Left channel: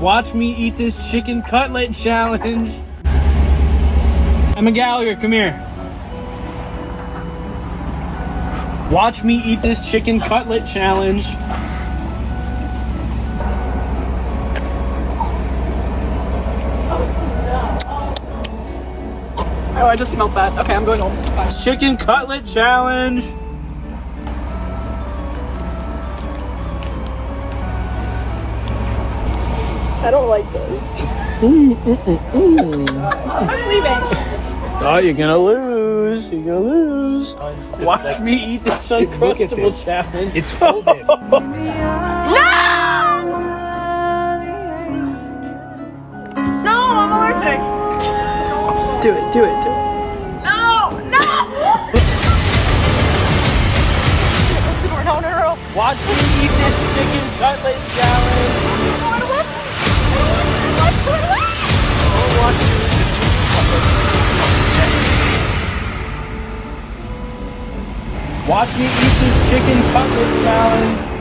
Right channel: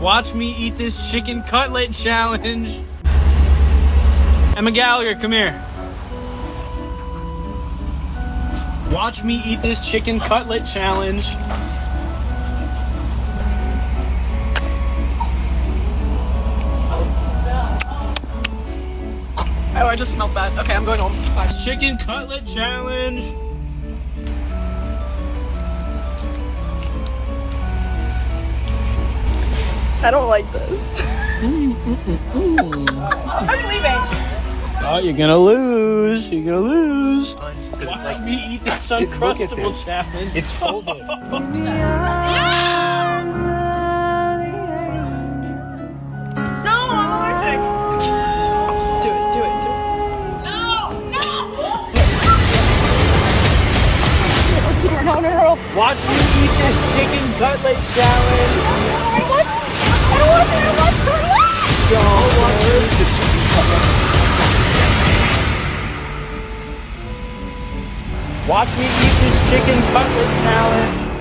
Watch me eat this chicken cutlet challenge. Emma Gallagher, come here. Watch me eat this chicken cutlet challenge. Oh, I just smelled that. Okay, I'm going home. Bye. Chicken cutlet challenge. I don't like this. I'm leaving. Oh, you're gonna lose. You're gonna lose. Watch me eat this Uncrustable challenge. It's folded. No! No, I'm allergic. Do it. No! No! Watch me eat this chicken cutlet challenge. I don't want to. Watch me eat this chicken cutlet challenge.